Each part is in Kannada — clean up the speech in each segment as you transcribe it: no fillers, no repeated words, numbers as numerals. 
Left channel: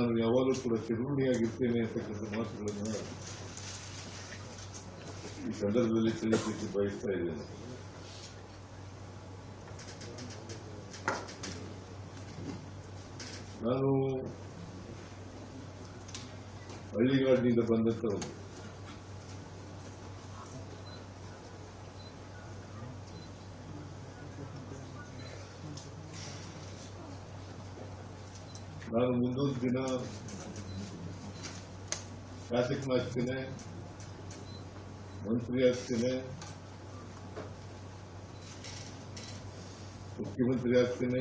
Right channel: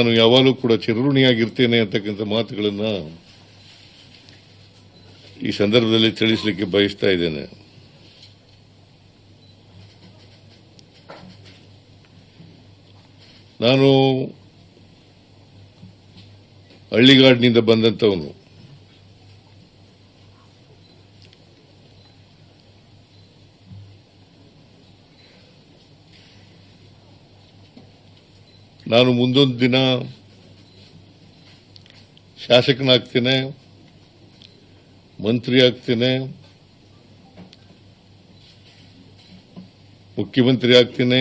ನಾನು ಯಾವಾಗಲೂ ಕೂಡ ಚಿರಋಣಿಯಾಗಿರ್ತೇನೆ ಅಂತಕ್ಕಂಥ ಮಾತುಗಳನ್ನ ಈ ಸಂದರ್ಭದಲ್ಲಿ ತಿಳಿಸಲಿಕ್ಕೆ ಬಯಸ್ತಾ ಇದ್ದೇನೆ. ನಾನು ಹಳ್ಳಿಗಾಡಿನಿಂದ ಬಂದಂತವನು. ನಾನು ಮುಂದೊಂದು ದಿನ ಶಾಸಕನಾಗ್ತೇನೆ, ಮಂತ್ರಿ ಆಗ್ತೇನೆ, ಮುಖ್ಯಮಂತ್ರಿ ಆಗ್ತೇನೆ,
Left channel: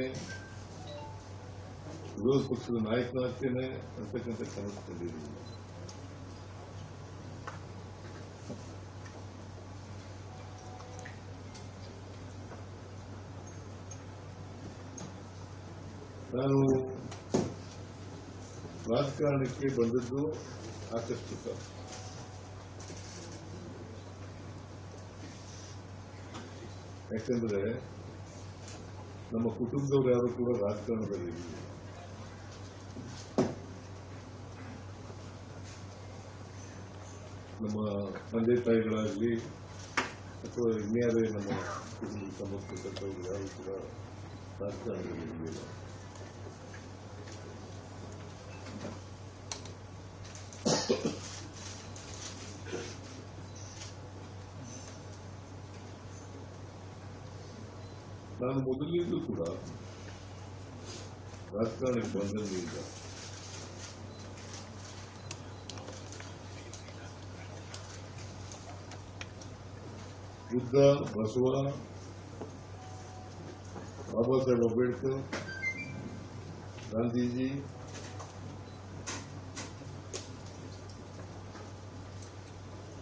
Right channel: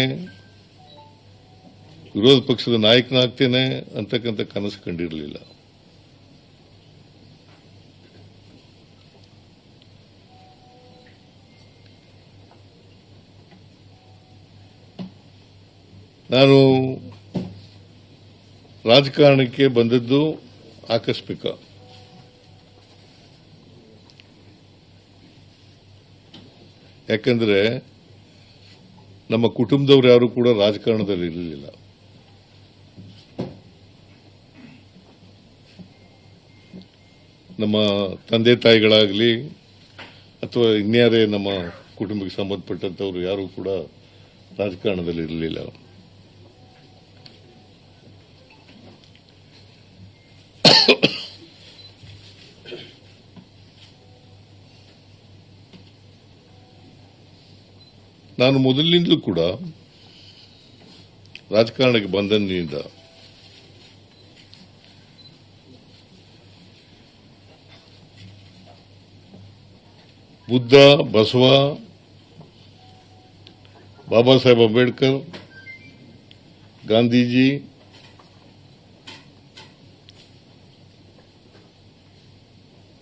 ವಿರೋಧ ಪಕ್ಷದ ನಾಯಕನಾಗ್ತೇನೆ ಅಂತಕ್ಕಂಥ ಕನಸು ಕಂಡಿರಲಿಲ್ಲ. ನಾನು ರಾಜಕಾರಣಕ್ಕೆ ಬಂದದ್ದು ಆಕಸ್ಮಿಕ. ಯಾಕಂದ್ರೆ ನಮ್ಮ ಕುಟುಂಬದವರು ಯಾರು ಕೂಡ ರಾಜಕಾರಣದಲ್ಲಿ ಇರಲಿಲ್ಲ. ನಮ್ಮ ತಂದೆ ತಾಯಿಗಳಾಗಲಿ ಅಥವಾ ಇನ್ಯಾರೇ ನಮ್ಮ ಕುಟುಂಬಕ್ಕೆ ಸಂಬಂಧಪಟ್ಟಂಥವ್ರು ಯಾರು ಕೂಡ ರಾಜಕಾರಣದಲ್ಲಿ ಇರಲಿಲ್ಲ. ನಾನು ಮೊದಲಿನಿಂದಲೂ ಕೂಡ ರಾಜಕಾರಣಕ್ಕೆ ಬಂದಂದಿನಿಂದ ಬುದ್ಧ, ಬಸವ, ಬಾಬಾ ಸಾಹೇಬ್ ಅಂಬೇಡ್ಕರ್, ಗಾಂಧೀಜಿ,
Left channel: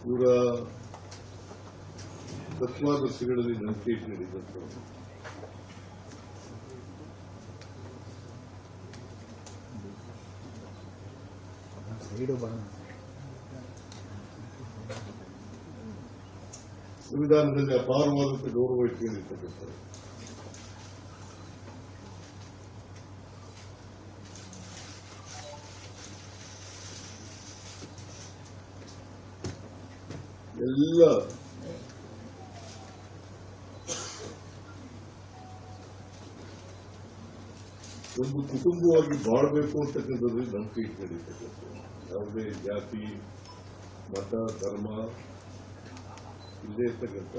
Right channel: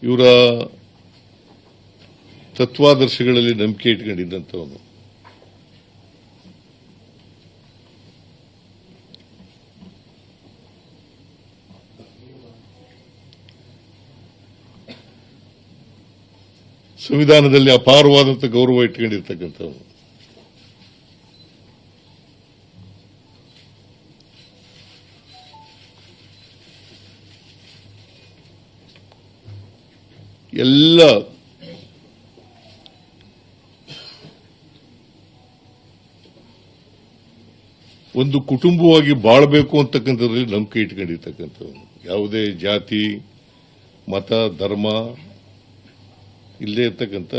ಇವರ ತತ್ವಾದರ್ಶಗಳಲ್ಲಿ ನಂಬಿಕೆ ಇಟ್ಕೊಂಡಿದ್ದಂಥವನು. ಸಂವಿಧಾನದಲ್ಲಿ ಅಪಾರವಾದಂಥ ಗೌರವ ಇಟ್ಕೊಂಡಿರ್ತಕ್ಕಂಥವನು. ಎಲ್ಲ ಒಂದು ಕುಟುಂಬವಾಗಿ ಬಾಳಬೇಕು ಅಂತಕ್ಕಂಥದ್ರಲ್ಲಿ ನಂಬಿಕೆ ಇಟ್ಕೊಂಡಿರ್ತಕ್ಕಂಥವನು. ಯಾವುದೇ ಜಾತಿ, ಮತ, ಧರ್ಮ ಇಲ್ಲೇ ಇರ್ತಕ್ಕಂಥ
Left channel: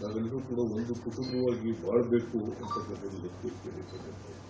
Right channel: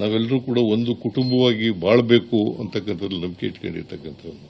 ನಾವೆಲ್ಲರೂ ಕೂಡ ಒಂದು ಕುಟುಂಬವಾಗಿ ಬಾಳಬೇಕು ಅಂತಕ್ಕಂಥದ್ರಲ್ಲಿ ನಂಬಿಕೆ ಇಟ್ಕೊಂಡಿರ್ತಕ್ಕಂಥವ್ರು.